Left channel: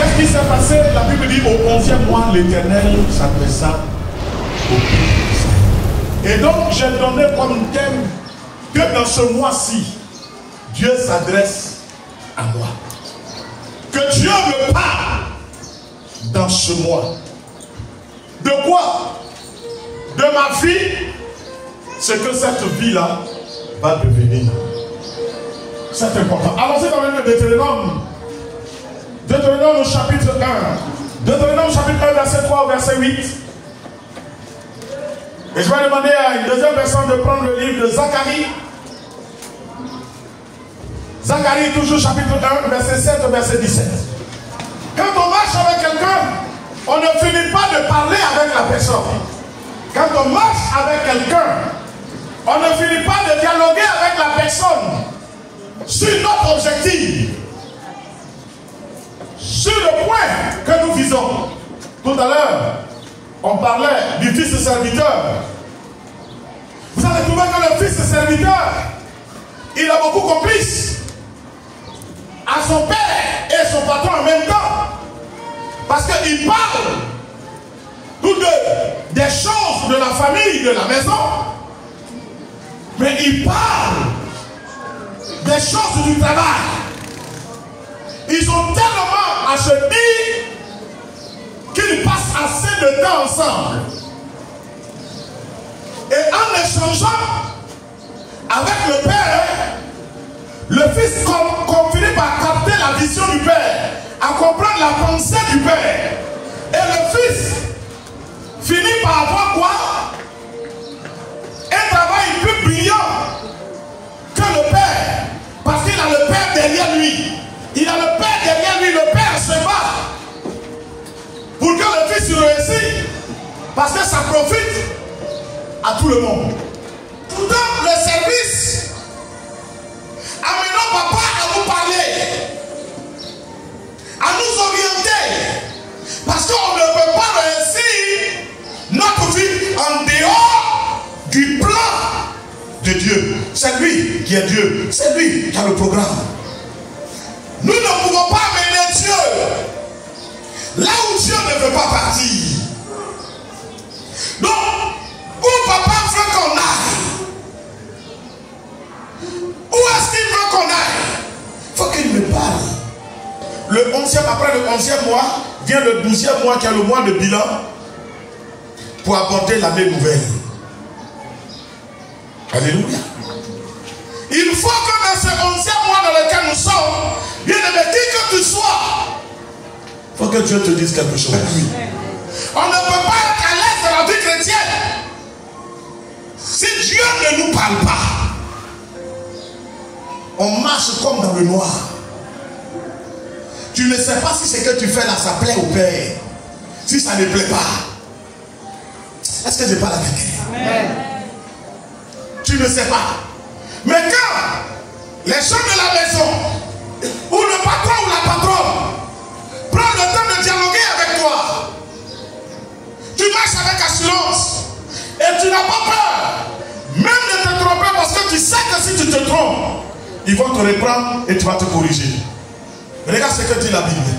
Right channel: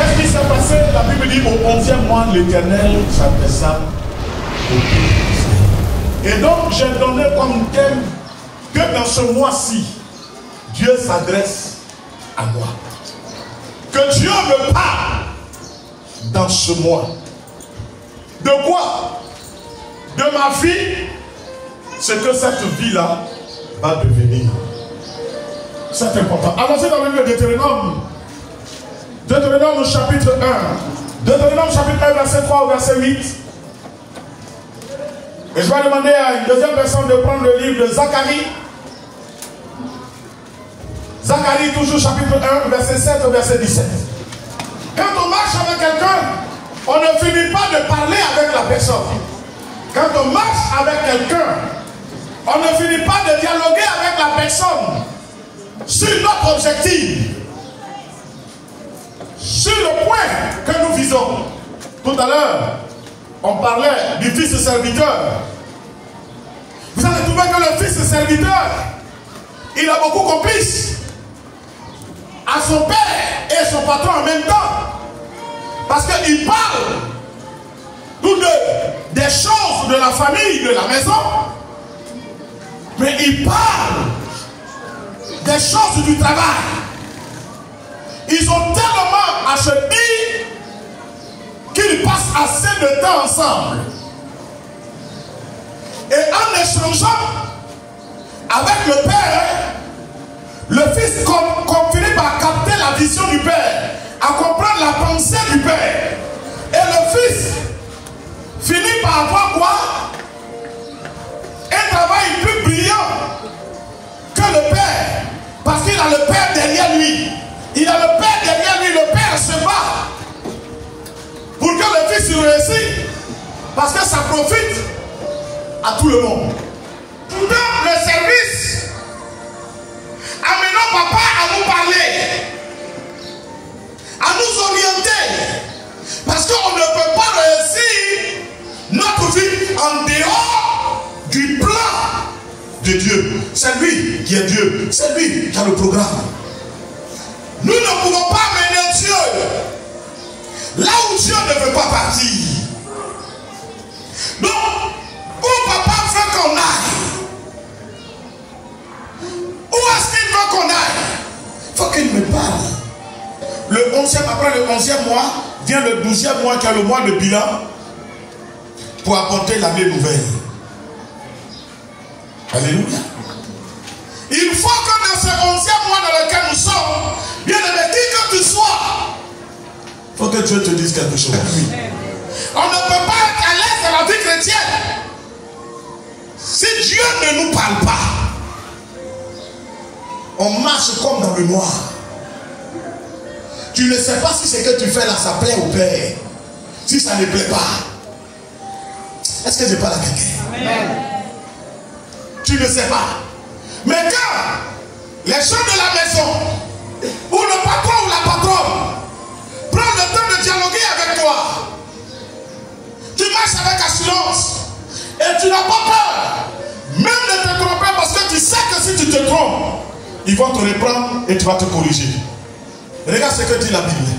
Qu'est-ce qui s'est passé? La Bible dit au 11e mois, l'Éternel s'adressa au peuple. Et donc, j'ai donné comme thème que dans ce mois-ci, Dieu s'adresse à moi. Que Dieu me parle dans ce mois. De quoi? De ma vie, ce que cette vie-là va devenir. C'est important. Avancez dans le livre de Deutéronome. Deutéronome chapitre 1. Deutéronome chapitre 1, verset 3 au verset 8. Et je vais demander à une deuxième personne de prendre le livre de Zacharie. Zacharie, toujours chapitre 1, verset 7 au verset 17. Quand on marche avec quelqu'un, on ne finit pas de parler avec la personne. Quand on marche avec quelqu'un, on ne finit pas de dialoguer avec la personne sur notre objectif, sur le point que nous visons. Tout à l'heure, on parlait du fils serviteur. Vous allez trouver que le fils serviteur, il a beaucoup complices à son père et son patron en même temps. Parce qu'il parle tous deux des choses de la famille, de la maison. Mais il parle des choses du travail. Ils ont tellement à se dire qu'ils passent assez de temps ensemble. Et en échangeant avec le père, le fils finit par capter la vision du père, à comprendre la pensée du père. Et le fils finit par avoir quoi? Un travail plus brillant que le père. Parce qu'il a le père derrière lui. Il a le père derrière lui. Le père se bat pour que le fils réussisse. Parce que ça profite à tout le monde. Dans le service, amenons papa à nous parler, à nous orienter. Parce qu'on ne peut pas réussir notre vie en dehors du plan de Dieu. C'est lui qui est Dieu. C'est lui qui a le programme. Nous ne pouvons pas mener Dieu là où Dieu ne veut pas partir. Donc, où papa veut qu'on aille, où est-ce qu'il veut qu'on aille, il faut qu'il me parle. Le 11e, après le 11e mois, vient le 12e mois qui est le mois de bilan pour apporter l'année nouvelle. Alléluia. Il faut que dans ce 11e mois dans lequel nous sommes, bien aimé, qui que tu sois, il faut que Dieu te dise quelque chose. Oui. On ne peut pas être à l'aise dans la vie chrétienne si Dieu ne nous parle pas. On marche comme dans le noir. Tu ne sais pas si ce que tu fais là, ça plaît au Père. Si ça ne plaît pas. Est-ce que je parle à quelqu'un? Tu ne sais pas. Mais quand les gens de la maison, ou le patron ou la patronne, prend le temps de dialoguer avec toi, tu marches avec assurance et tu n'as pas peur même de te tromper, parce que tu sais que si tu te trompes, ils vont te reprendre et tu vas te corriger. Regarde ce que dit la Bible.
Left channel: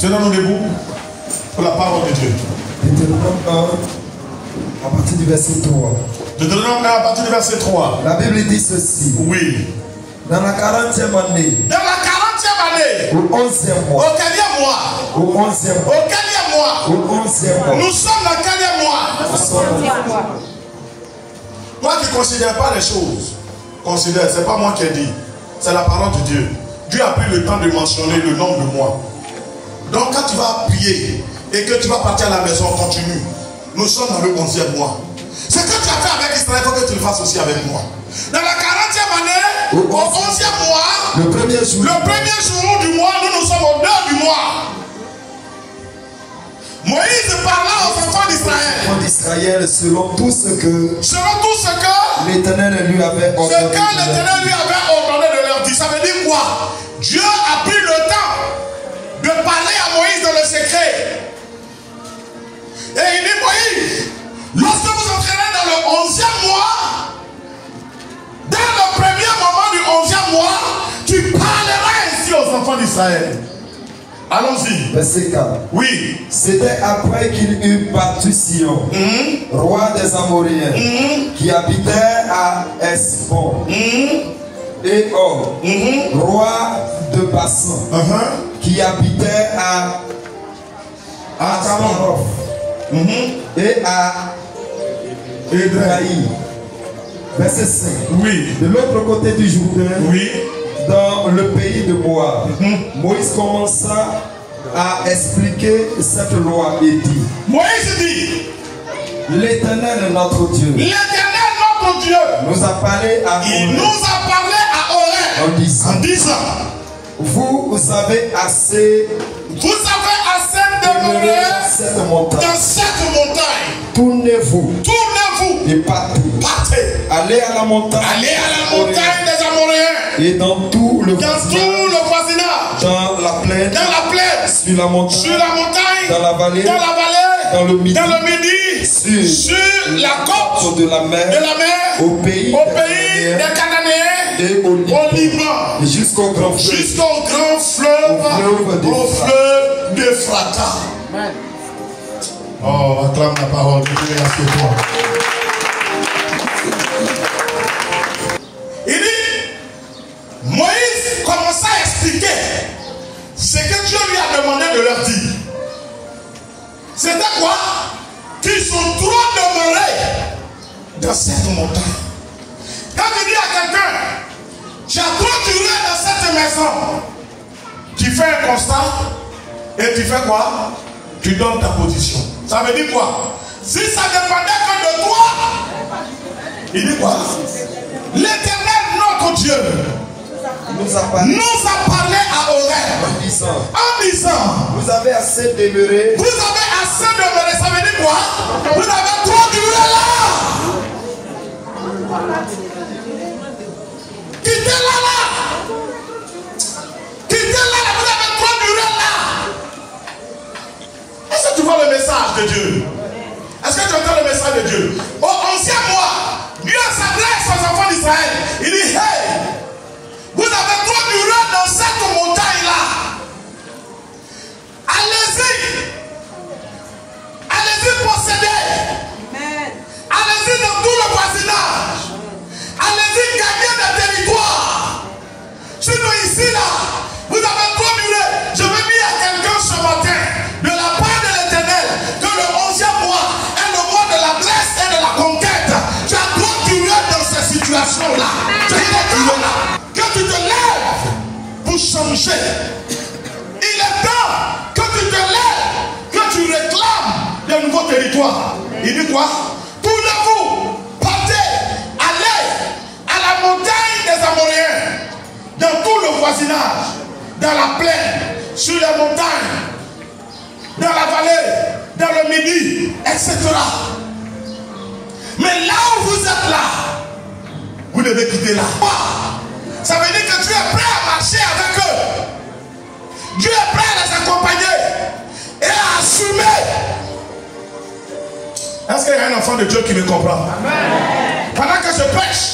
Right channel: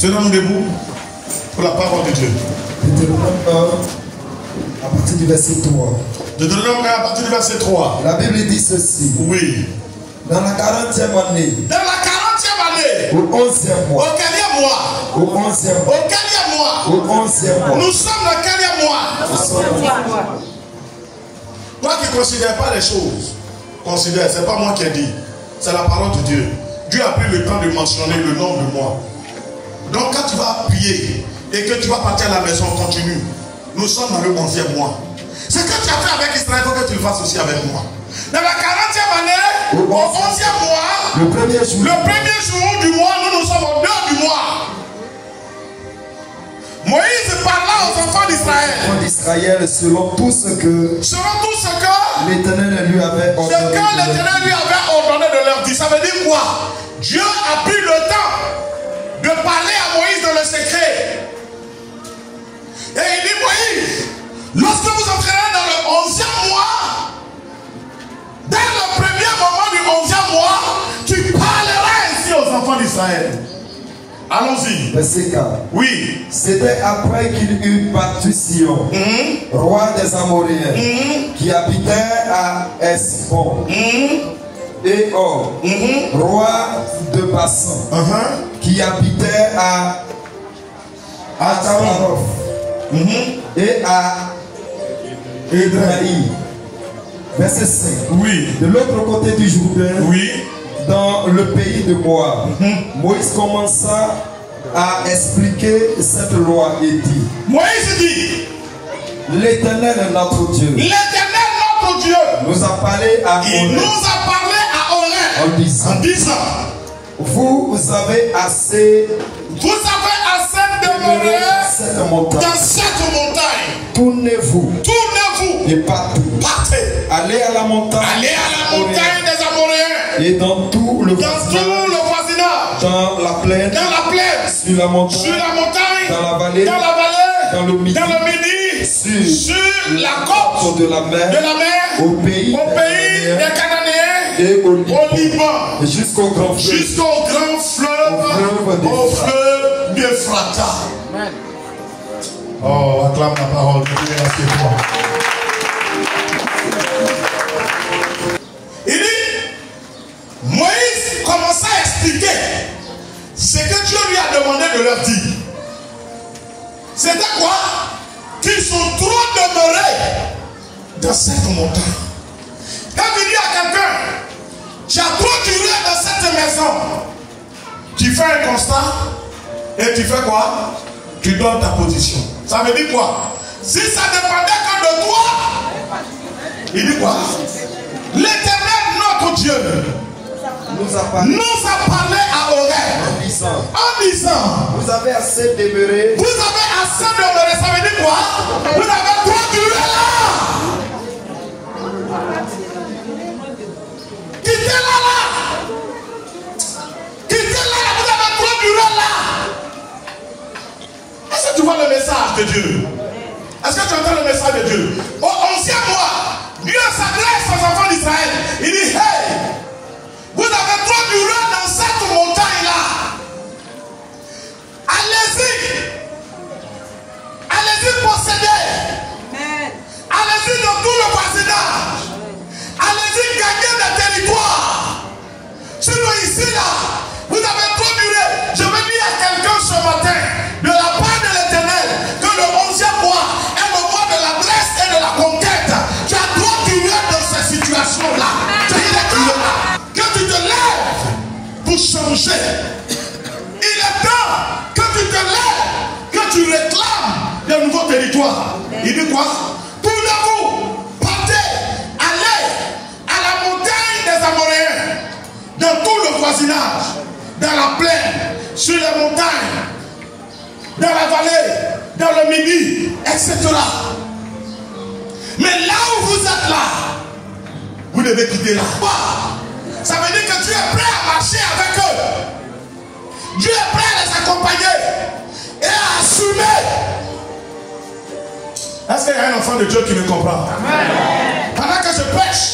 Tenons-nous debout pour la parole de Dieu. Deutéronome 1, à partir du verset 3. Deutéronome 1, à partir du verset 3. La Bible dit ceci. Oui. Dans la 40e année. Dans la 40e année. Au 11e mois. Au quel mois? Au 11e mois. Au quel mois? Au 11e mois. Nous sommes dans quel mois? Nous sommes dans... Toi qui ne considères pas les choses, considère, ce n'est pas moi qui ai dit, c'est la parole de Dieu. Dieu a pris le temps de mentionner le nombre de mois. Donc quand tu vas prier et que tu vas partir à la maison, continue. Nous sommes dans le 11e mois. Ce que tu as fait avec Israël, il faut que tu le fasses aussi avec moi. Dans la 40e année, au 11e mois, le premier jour du mois, nous sommes au 2 du mois. Moïse parla aux enfants d'Israël selon tout ce que l'Éternel lui avait ordonné de leur dire. Ça veut dire quoi? Dieu a pris le temps de parler à Moïse dans le secret. Et il dit, Moïse, lorsque vous entrerez dans le 11e mois, dans le premier moment du 11e mois, tu parleras ainsi aux enfants d'Israël. Allons-y. Verset 4. Oui. C'était après qu'il eut battu Sion, roi des Amoréens, qui habitait à Esbon, et Og, roi de Bassan, qui habitait à Ataroth, et à Édraï. Verset 5. Oui. De l'autre côté du Jourdain, Oui. dans le pays de Moab, Moïse commença à expliquer cette loi et dit: Moïse dit, l'Éternel est notre Dieu. l'Éternel notre Dieu, Nous a parlé à il nous Horeb a parlé à Horeb en disant: en disant, vous avez assez vous avez assez demeurer cette montagne. dans cette montagne. Tournez-vous Tournez-vous, et partez. partez, Allez à la montagne. allez à la montagne des Amoréens, Et dans tout le dans tout le voisinage, dans la plaine, dans la plaine, sur la montagne, sur la montagne, dans la vallée, dans le midi, dans le midi, sur la côte de la mer, au pays des Cananéens et au au Liban, et jusqu'au grand fleuve. jusqu'au grand fleuve, au fleuve d'Ephrata. Oh, acclame la parole, toi. Il dit, Moïse commença à expliquer ce que Dieu lui a demandé de leur dire. C'était quoi? Qu'ils sont trop demeurés dans cette montagne. Quand tu dis à quelqu'un, tu as trop duré dans cette maison, tu fais un constat et tu fais quoi? Tu donnes ta position. Ça veut dire quoi? Si ça dépendait que de toi, il dit quoi? L'Éternel, notre Dieu, nous a parlé à Horeb en disant, vous avez assez demeuré. Vous avez assez demeuré. Ça veut dire quoi? Vous avez trop duré là. Quittez là. Quittez là. Vous avez trop duré là. Est-ce que tu vois le message de Dieu? Est-ce que tu entends le message de Dieu? Au 11e mois, Dieu s'adresse aux enfants d'Israël. Il dit, hey, vous avez trop duré dans cette montagne-là. Allez-y. Allez-y posséder. Allez-y dans tout le voisinage. Allez-y gagner des territoires. Sinon ici là, vous avez trop duré. Je veux dire à quelqu'un ce matin, de la part de l'Éternel, que le 11e mois est le mois de la blesse et de la conquête. Tu as trop duré dans ces situations-là. Tu as trop duré. Que tu te lèves pour changer. Il est temps que tu te lèves, que tu réclames de nouveaux territoires. Il dit quoi? Tournez-vous, partez, allez à la montagne des Amoréens, dans tout le voisinage, dans la plaine, sur les montagnes, dans la vallée, dans le midi, etc. Mais là où vous êtes là, vous devez quitter là. Ça veut dire que Dieu est prêt à marcher avec eux. Dieu est prêt à les accompagner et à assumer. Est-ce qu'il y a un enfant de Dieu qui me comprend? Amen. Pendant que je prêche,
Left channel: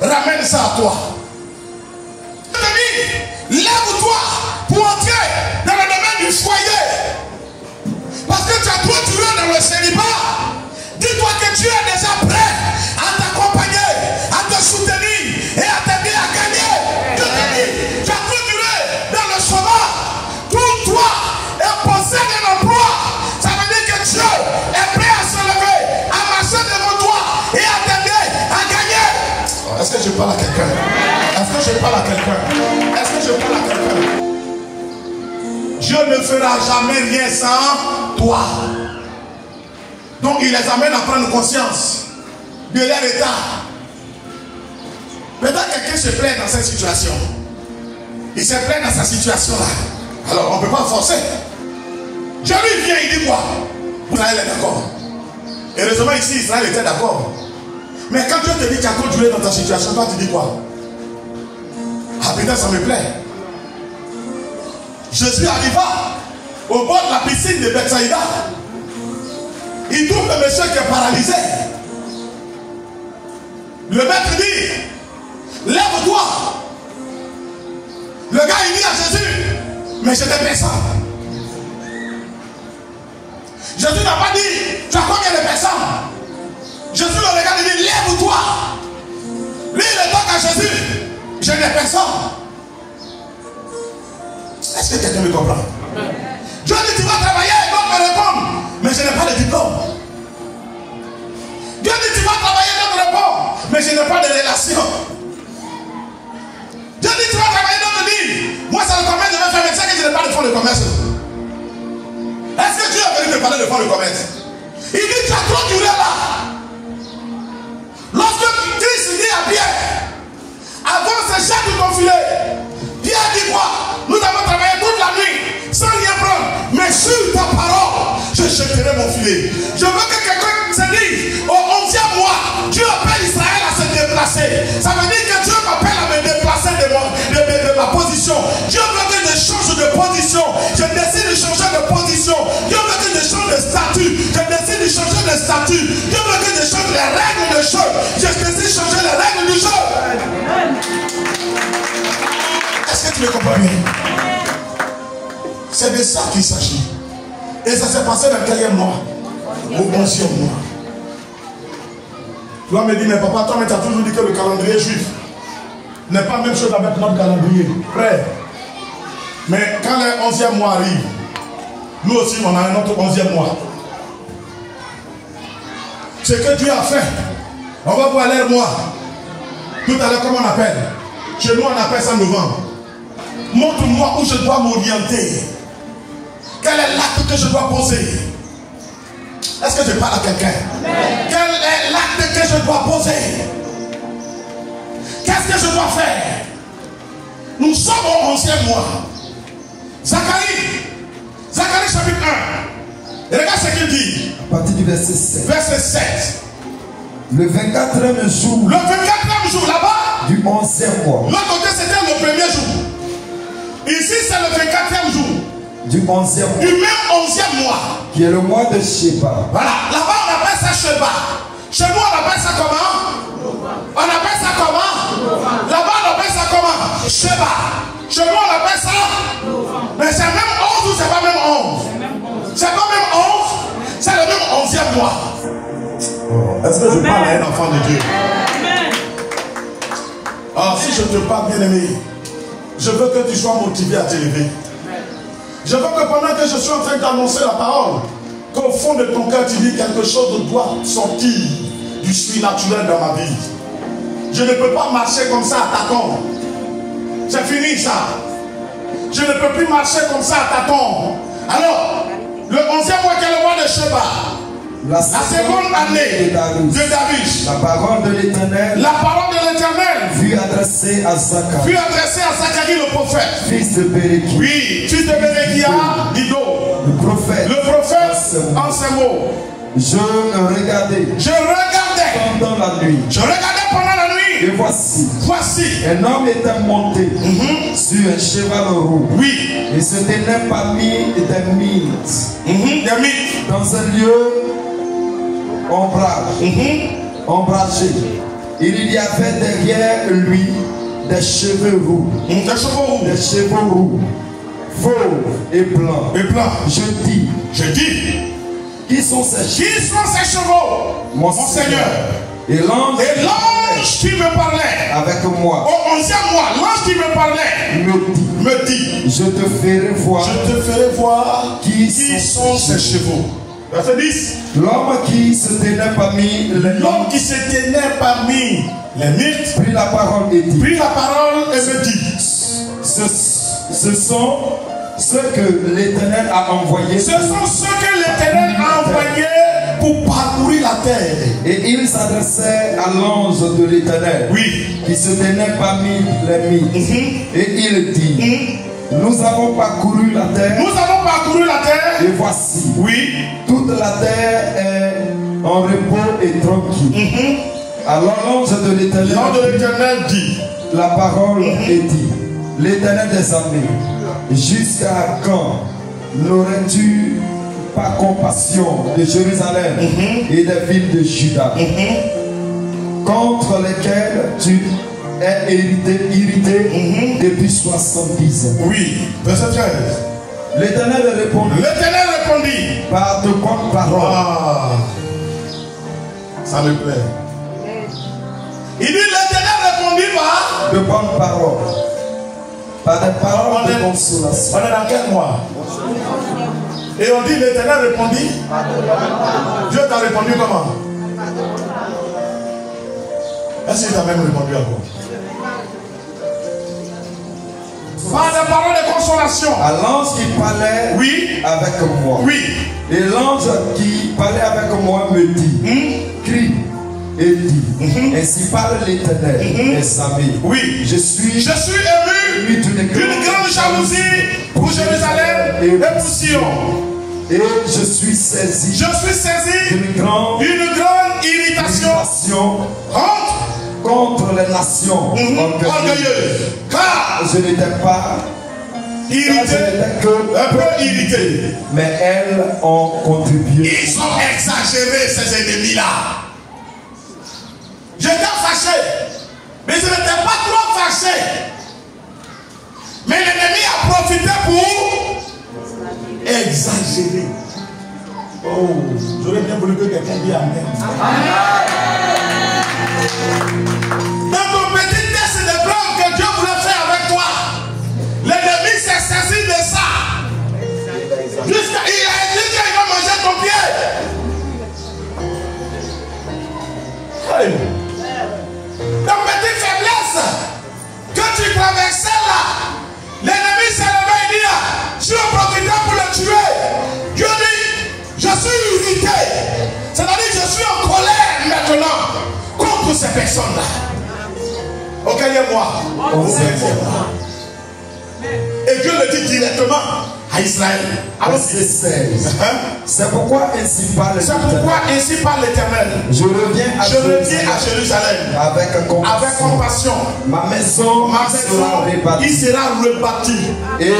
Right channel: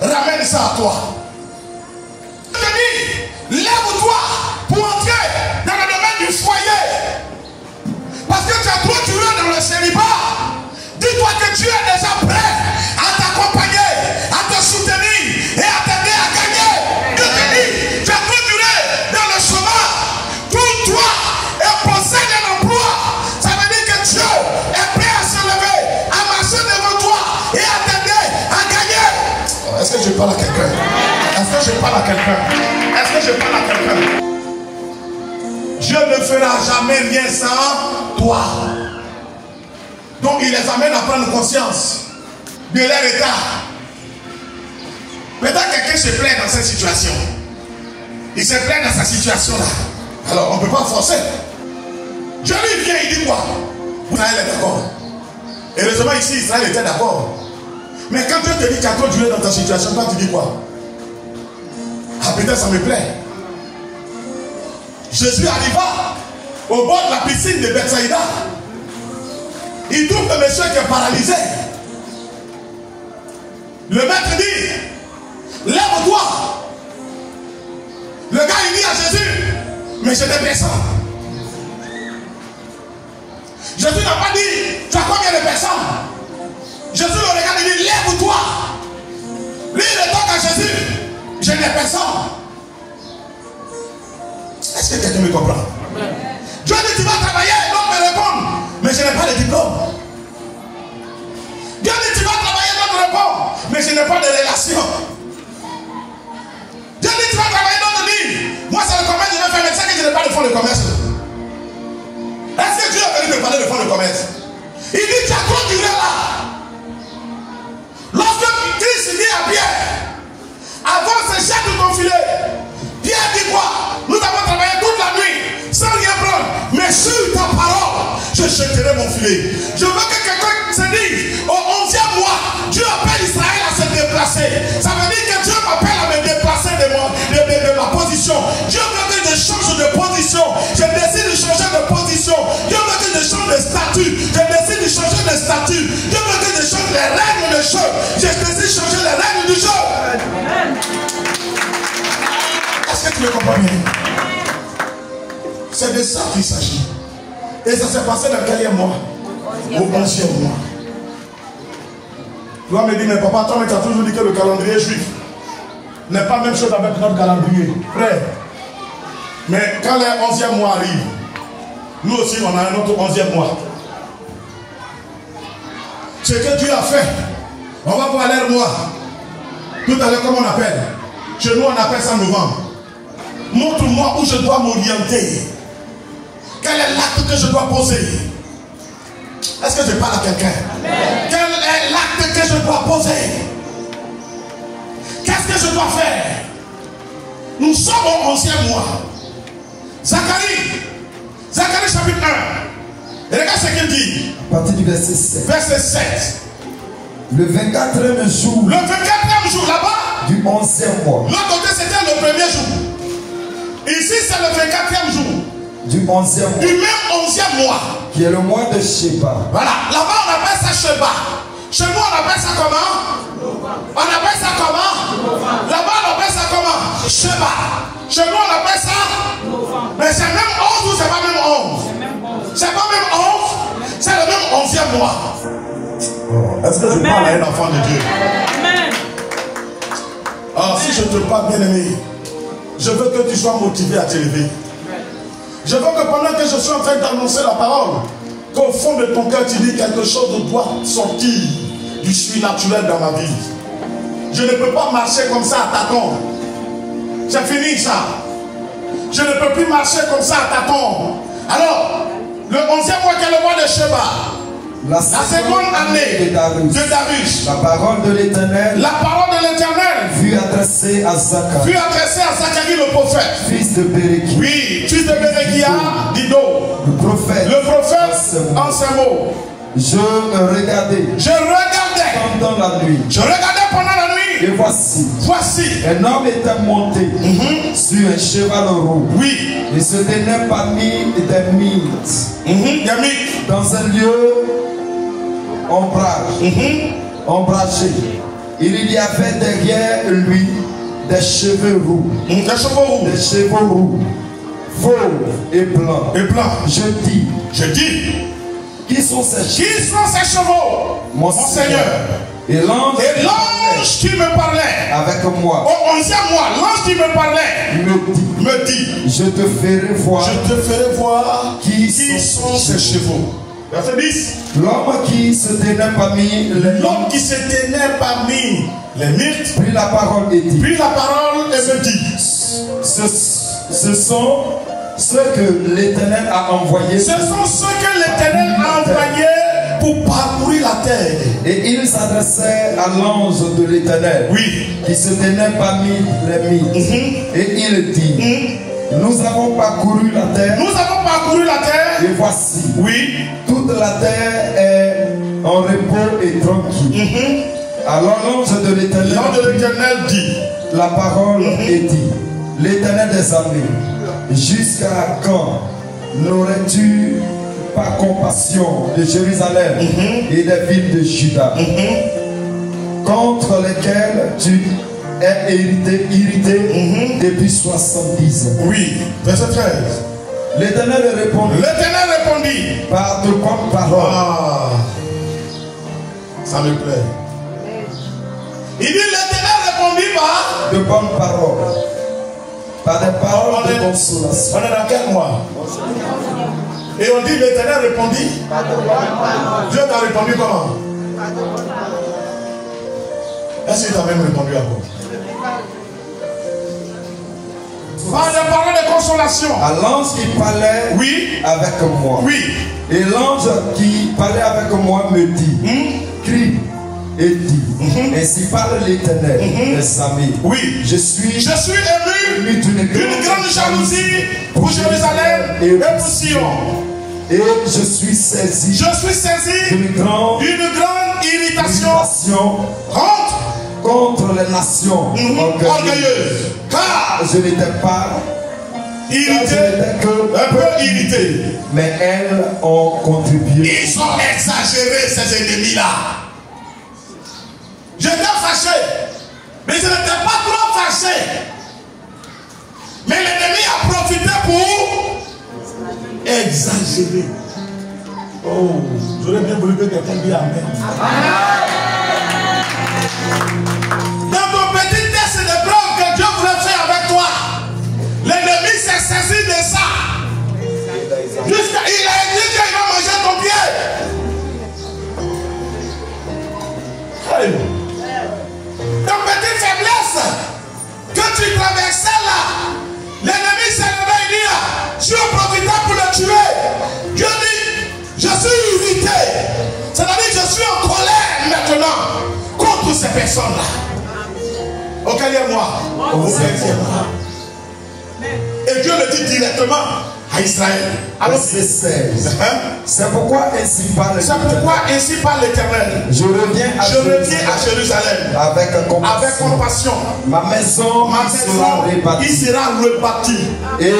ramène ça à toi. Lève-toi pour entrer dans le domaine du foyer. Parce que tu as trop duré dans le célibat. Dis-toi que Dieu est déjà prêt à t'accompagner, à te soutenir et à t'aider à gagner. Dieu te dit, tu as trop duré dans le chômage. Tourne-toi et possède un emploi. Ça veut dire que Dieu est prêt à se lever, à marcher devant toi et à t'aider à gagner. Est-ce que je parle à quelqu'un? Est-ce que je parle à quelqu'un? Est-ce que je parle à quelqu'un? Dieu ne fera jamais rien sans toi. Donc il les amène à prendre conscience de leur état. Peut-être quelqu'un se plaint dans cette situation. Il se plaint dans sa situation là. Alors on ne peut pas forcer. Dieu lui vient, il dit quoi? Israël est d'accord. Et heureusement ici Israël était d'accord. Mais quand Dieu te dit qu'il y a trop duré dans ta situation, toi tu dis quoi? Ah putain, ça me plaît. Jésus arriva au bord de la piscine de Bethsaïda. Il trouve le monsieur qui est paralysé. Le maître dit, lève-toi. Le gars il dit à Jésus, mais je te descends. Jésus n'a pas dit, tu as combien de personnes? Jésus le regarde et dit, lève-toi. Lui, il retourne à Jésus, je n'ai personne. Est-ce que quelqu'un me comprend? Dieu dit, tu vas travailler, l'homme me répond, mais je n'ai pas de diplôme. Dieu dit, tu vas travailler, l'homme me répond, mais je n'ai pas de relation. Dieu dit, tu vas travailler, l'homme me dit, moi c'est le commerce de mes femmes, mais c'est que je n'ai pas de fonds de commerce. Est-ce que Dieu a venu me parler de fonds de commerce? Il dit, tu as trop duré là. Lorsque Christ dit à Pierre, avant ce chat de ton filet, Pierre dit quoi? Nous avons travaillé toute la nuit sans rien prendre, mais sur ta parole, je jetterai mon filet. Je veux que quelqu'un se dise, au 11e mois, Dieu appelle Israël à se déplacer. Ça veut dire que Dieu m'appelle à me déplacer de ma position. Dieu veut que je change de position. Je décide de changer de position. Dieu veut que je change de statut. Je décide de changer de statut. Dieu veut que je change les règles de jeu. Je décide de changer les règles du jeu. Est-ce que tu me comprends bien? C'est de ça qu'il s'agit. Et ça s'est passé dans quel mois? Au 11e mois. Tu vas me dire, mais papa, toi, tu as toujours dit que le calendrier juif n'est pas la même chose avec notre calendrier. Frère. Mais quand le 11e mois arrive, nous aussi, on a un autre 11e mois. Ce que Dieu a fait, on va voir l'air mois. Tout à l'heure, comment on appelle? Chez nous, on appelle ça novembre. Montre-moi où je dois m'orienter. Quel est l'acte que je dois poser? Est-ce que je parle à quelqu'un? Quel est l'acte que je dois poser? Qu'est-ce que je dois faire? Nous sommes au 11e mois. Zacharie chapitre 1. Et regarde ce qu'il dit. À partir du verset 7. Verset 7. Le 24e jour. Le 24e jour là-bas. Du 11e mois. L'autre côté c'était le premier jour. Ici c'est le 24e jour. Du 11e mois. Du même 11e mois. Qui est le mois de Sheba. Voilà. Là-bas on appelle ça Sheba. Chez nous on appelle ça comment? On appelle ça comment? Là-bas on appelle ça comment? Sheba. Chez nous on appelle ça? Mais c'est même 11 ou c'est pas même 11? C'est pas même 11? C'est le même 11e mois. Est-ce que je parle à un enfant de Dieu? Alors si je te parle bien aimé, je veux que tu sois motivé à t'élever. Je veux que pendant que je suis en train d'annoncer la parole, qu'au fond de ton cœur tu dis quelque chose doit sortir du surnaturel dans ma vie. Je ne peux pas marcher comme ça à tâtons. C'est fini ça. Je ne peux plus marcher comme ça à tâtons. Alors, le 11e mois, quel est le mois de Sheba? La seconde année de Darius. La parole de l'Éternel. La parole de l'Éternel fut adressée à Zacharie. Fut adressée à Zacharie le prophète. Fils de Béréchia. Oui, fils de Béréchia, d'Ido. Le prophète. Le prophète en ces mots. Je regardais. Pendant la nuit. Je regardais pendant la nuit. Et voici. Un homme était monté sur un cheval roux. Oui. Et se tenait parmi des mythes. Dans un lieu ombragé. Il y avait derrière lui des cheveux roux. Des cheveux roux. Fauves et blancs. Je dis. Qui sont ces chevaux? Mon Seigneur. Et l'ange qui me parlait avec moi au 11e mois, l'ange qui me parlait me dit, je te ferai voir qui sont ces chevaux. Verset 10. L'homme qui se tenait parmi les mythes prit la parole et dit, me dit, ce sont ceux que l'Éternel a envoyés. Ce sont ceux que l'Éternel a envoyés pour parcourir la terre. Et il s'adressait à l'ange de l'Éternel, qui se tenait parmi les mythes. Et il dit, nous avons parcouru la terre. Et voici, toute la terre est en repos et tranquille. Alors l'ange de l'Éternel dit, la parole est dit, l'Éternel des armées, jusqu'à quand n'aurais-tu pas compassion de Jérusalem et des villes de Juda, contre lesquelles tu es irrité depuis 70 ans? Verset 13. L'Éternel répondit. L'Éternel répondit. Par de bonnes paroles. Ah, ça me plaît. Il dit l'Éternel répondit par de bonnes paroles. Par des paroles de consolation. On est dans quel mois? Et on dit l'Éternel répondit. Dieu t'a répondu comment? Est-ce qu'il t'a même répondu encore? Par des paroles de consolation. À l'ange qui parlait avec moi. Oui. Et l'ange qui parlait avec moi me dit, crie et dit, ainsi parle l'Éternel, mes amis. Oui. Je suis ému d'une grande jalousie pour Jérusalem et pour Sion. Et je suis saisi d'une grande irritation contre les nations orgueilleuses. Car je n'étais pas irrité, un peu irrité. Mais elles ont contribué. Ils ont exagéré ces ennemis-là. J'étais fâché, mais je n'étais pas trop fâché. Mais l'ennemi a profité pour exagérer. Oh, j'aurais bien voulu que quelqu'un dise Amen. Dans ton petit test de preuve que Dieu voulait faire avec toi, l'ennemi s'est saisi de ça. Jusqu'à il a dit qu'il va manger ton pied. Hey. Ta petite faiblesse que tu traversais là, l'ennemi s'est levé et dit, je suis profitant pour le tuer. Dieu dit, je suis irrité. C'est-à-dire que je suis en colère maintenant contre ces personnes-là. Auquel moi. Et Dieu le dit directement à Israël. Alors c'est pourquoi ainsi parle l'Éternel. Je reviens à Jérusalem avec compassion. Ma maison il sera rebâti. Et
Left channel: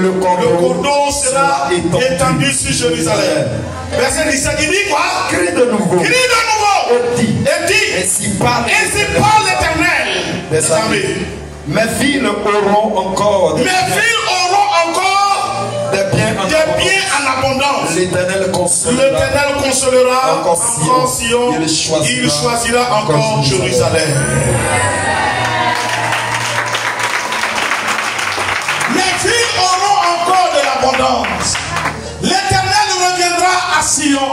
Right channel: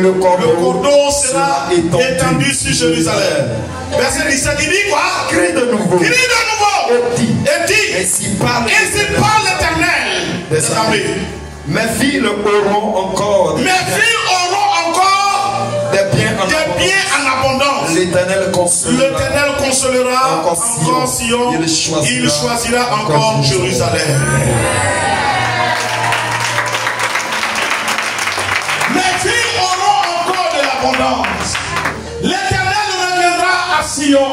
le cordon sera étendu sur Jérusalem. Verset 17, il dit quoi? Crie de nouveau. Et dit ainsi parle l'Éternel. Mes filles auront encore des biens en abondance. L'Éternel consolera encore Sion. Il choisira encore Jérusalem. Mes filles auront encore de l'abondance. L'Éternel reviendra à Sion.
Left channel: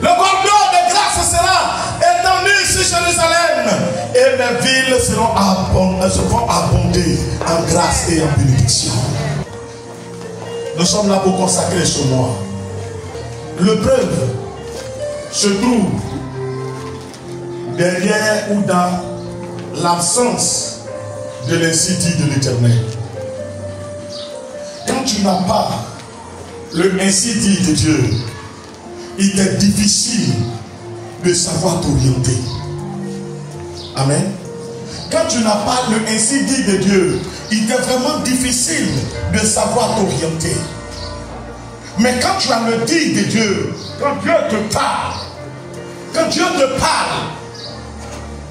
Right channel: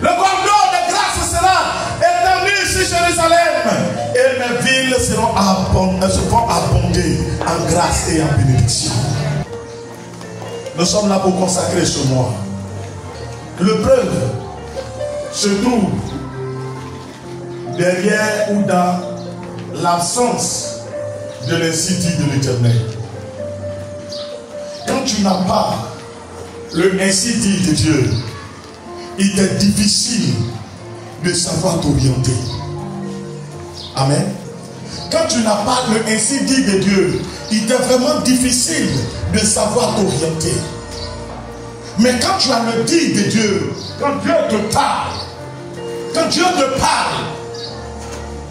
Le cordon de grâce sera étendu sur Jérusalem. Et mes villes seront abonder en grâce et en bénédiction. Nous sommes là pour consacrer ce mois. Le preuve se trouve derrière ou dans l'absence de l'ainsi dit de l'Éternel. Quand tu n'as pas le ainsi dit de Dieu, il est difficile de savoir t'orienter. Amen. Quand tu n'as pas le ainsi dit de Dieu, il est vraiment difficile de savoir t'orienter. Mais quand tu as le dit de Dieu, quand Dieu te parle,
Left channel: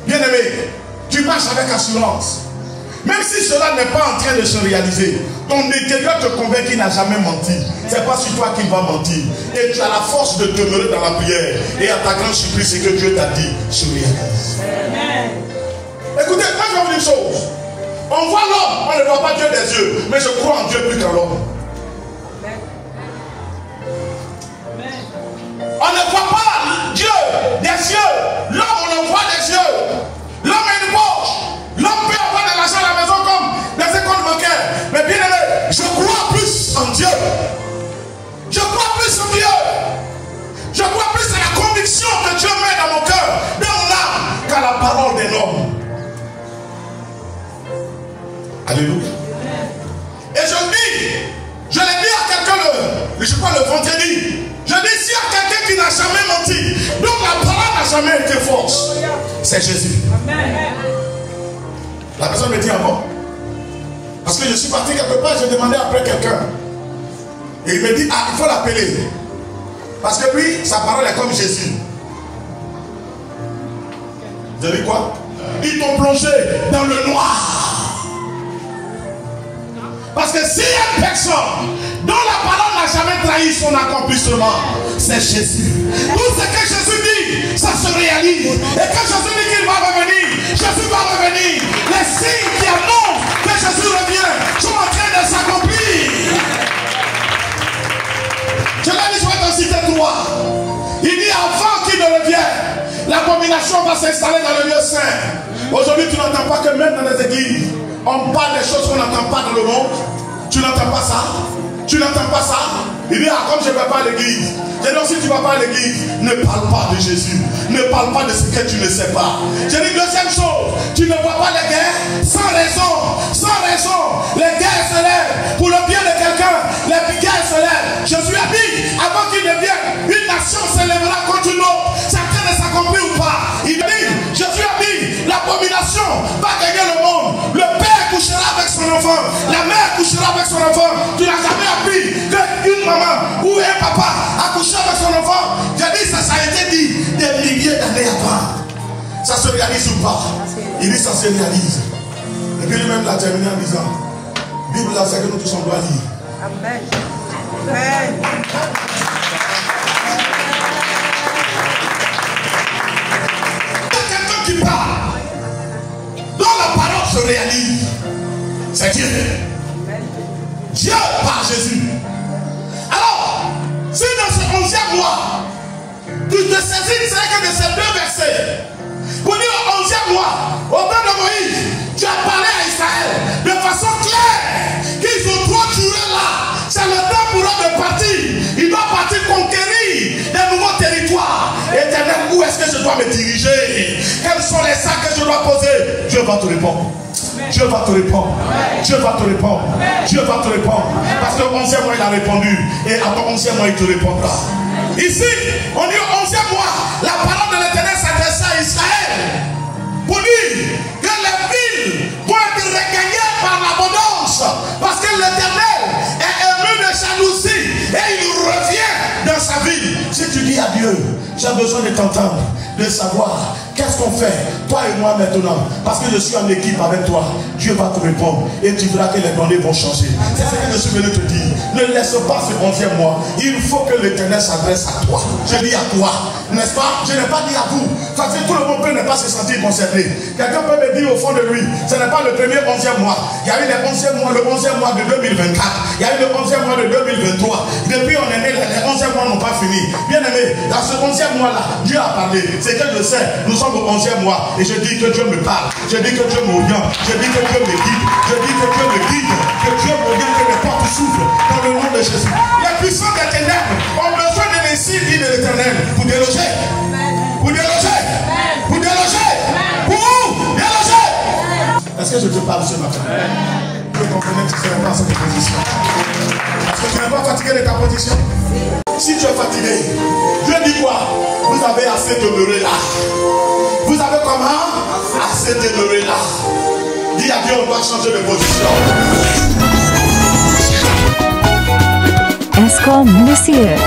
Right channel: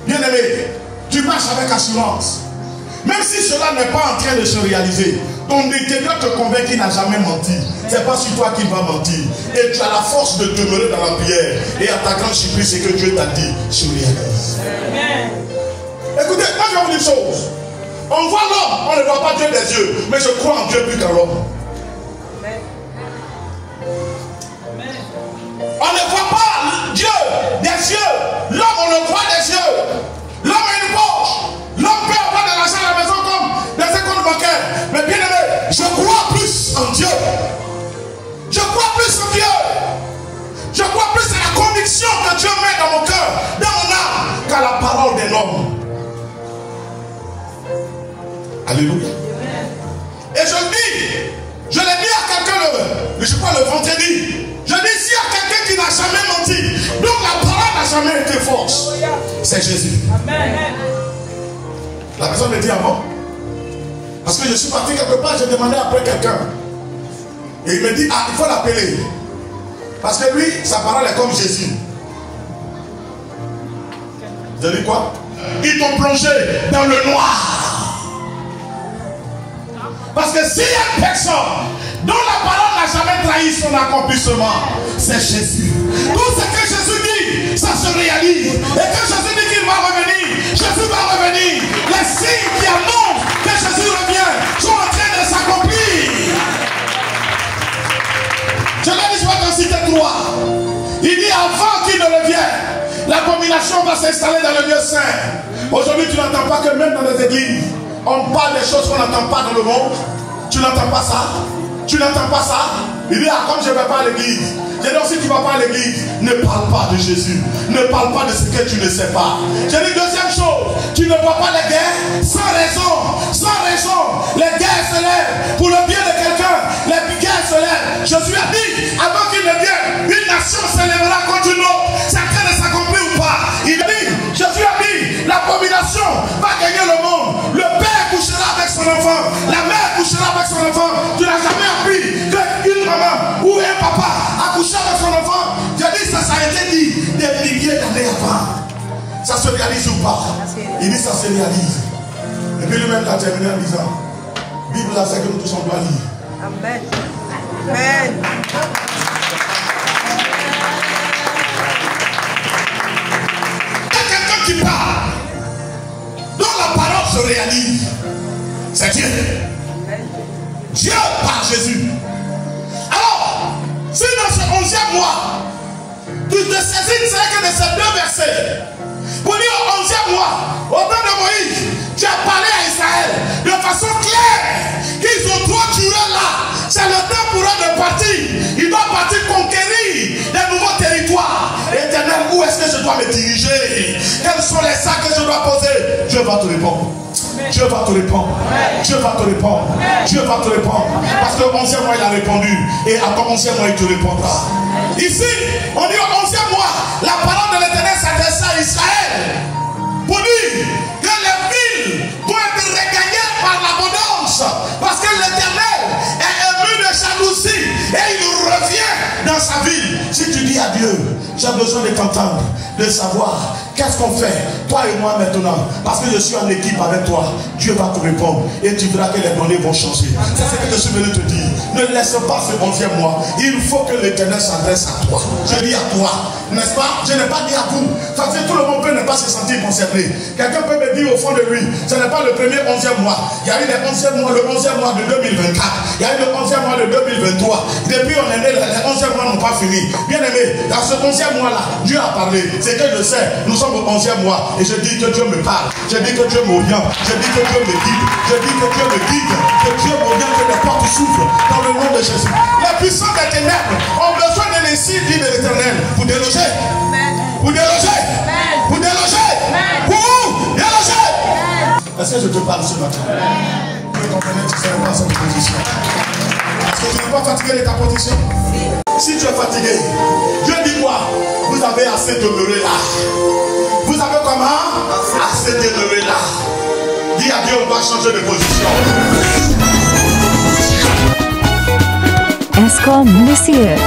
bien aimé, tu marches avec assurance. Même si cela n'est pas en train de se réaliser, ton intérieur te convainc qu'il n'a jamais menti. Ce n'est pas sur toi qu'il va mentir. Et tu as la force de demeurer dans la prière. Et à ta grande surprise, ce que Dieu t'a dit se réalise. Écoutez, moi je vais vous dire une chose. On voit l'homme, on ne voit pas Dieu des yeux. Mais je crois en Dieu plus qu'en l'homme. On ne voit pas Dieu des yeux. L'homme, on le voit des yeux. L'homme a une poche. L'homme peut avoir de l'argent à la maison comme dans ses comptes bancaires. Mais bien aimé, je crois plus en Dieu. Je crois plus en Dieu. Je crois plus à la conviction que Dieu met dans mon cœur, dans mon âme, qu'à la parole d'un homme. Alléluia. Et je l'ai dit à quelqu'un, je crois le vendredi. Je dis, s'il y a quelqu'un qui n'a jamais menti, donc la parole n'a jamais été fausse, c'est Jésus. Amen. La personne me dit avant. Parce que je suis parti quelque part, j'ai demandé après quelqu'un. Et il me dit, il faut l'appeler. Parce que lui, sa parole est comme Jésus. Vous avez dit quoi? Ils t'ont plongé dans le noir. Parce que s'il y a une personne dont la réalise son accomplissement, c'est Jésus. Tout ce que Jésus dit, ça se réalise. Et quand Jésus dit qu'il va revenir, Jésus va revenir. Les signes qui annoncent que Jésus revient sont en train de s'accomplir. Je l'ai dit, je vais t'en citer 3. Il dit avant qu'il ne revienne, l'abomination va s'installer dans le lieu saint. Aujourd'hui, tu n'entends pas que même dans les églises, on parle des choses qu'on n'entend pas dans le monde. Tu n'entends pas ça? Tu n'entends pas ça? Il dit, ah, comme je ne vais pas à l'église. J'ai dit aussi, tu ne vas pas à l'église. Ne parle pas de Jésus. Ne parle pas de ce que tu ne sais pas. J'ai dit, deuxième chose, tu ne vois pas les guerres sans raison. Sans raison. Les guerres se lèvent pour le bien de quelqu'un. Les guerres se lèvent. Jésus a dit, avant qu'il ne vienne, une nation se lèvera contre une autre. C'est en train de s'accomplir ou pas? Il dit, Jésus a dit, l'abomination va gagner le monde. Le père couchera avec son enfant. La mère couchera avec son enfant. Tu n'as jamais appris qu'une maman ou un papa a couché avec son enfant. J'ai dit, ça a été dit des milliers d'années avant. Ça se réalise ou pas? Il dit, ça se réalise. Et puis lui-même l'a terminé en disant, Bible là, c'est que nous tous on doit lire. Amen. Amen. Quelqu'un qui parle, dont la parole se réalise, c'est Dieu. Dieu par Jésus. Alors, si dans ce 11e mois, tu te saisis, c'est que de ces 2 versets, pour dire au 11e mois, au temps de Moïse, tu as parlé à Israël de façon claire qu'ils ont trop duré là. C'est le temps pour eux de partir. Ils doivent partir conquérir des nouveaux territoires. Éternel, où est-ce que je dois me diriger? Quels sont les actes que je dois poser? Dieu va te répondre. Dieu va te répondre. Dieu va te répondre. Dieu va te répondre. Parce que au 11e mois, il a répondu. Et à ton 11e mois, il te répondra. Ici, on dit au 11e mois, la parole de l'Éternel s'adresse à Israël. Pour dire que les villes vont être regagnées par l'abondance. Parce que l'Éternel est ému de jalousie. Et il revient dans sa ville. Si tu dis à Dieu, j'ai besoin de t'entendre, de savoir qu'est-ce qu'on fait, toi et moi maintenant, parce que je suis en équipe avec toi. Dieu va te répondre et tu verras que les données vont changer. C'est ce que je suis venu te dire. Ne laisse pas ce 11e mois. Il faut que l'Éternel s'adresse à toi. Je dis à toi, n'est-ce pas? Je n'ai pas dit à vous. Parce que tout le monde peut ne pas se sentir concerné. Quelqu'un peut me dire au fond de lui, ce n'est pas le premier 11e mois. Il y a eu le 11e mois, le 11e mois de 2024. Il y a eu le 11e mois de 2023. Depuis on est né, les 11e mois n'ont pas fini. Bien aimé, dans ce 11e mois-là, Dieu a parlé. C'est que je sais, nous sommes au 11e mois. Et je dis que Dieu me parle. Je dis que Dieu m'oriente. Je dis que Dieu me guide. Je dis que Dieu me guide. Que Dieu m'oriente, que les portes s'ouvrent dans le nom de Jésus. Les puissants des ténèbres ont besoin de les signes de l'Éternel pour déloger. Pour déloger. Pour déloger. Pour déloger. Est-ce que je te parle ce matin? Tu comprenais que tu ne serais pas à cette position. Est-ce que tu n'es pas fatigué de ta position? Si tu es fatigué, Dieu dit quoi? Vous avez assez demeuré là. Vous avez comment? Assez demeuré là. Dis à Dieu, on doit changer de position. Escom Ministère.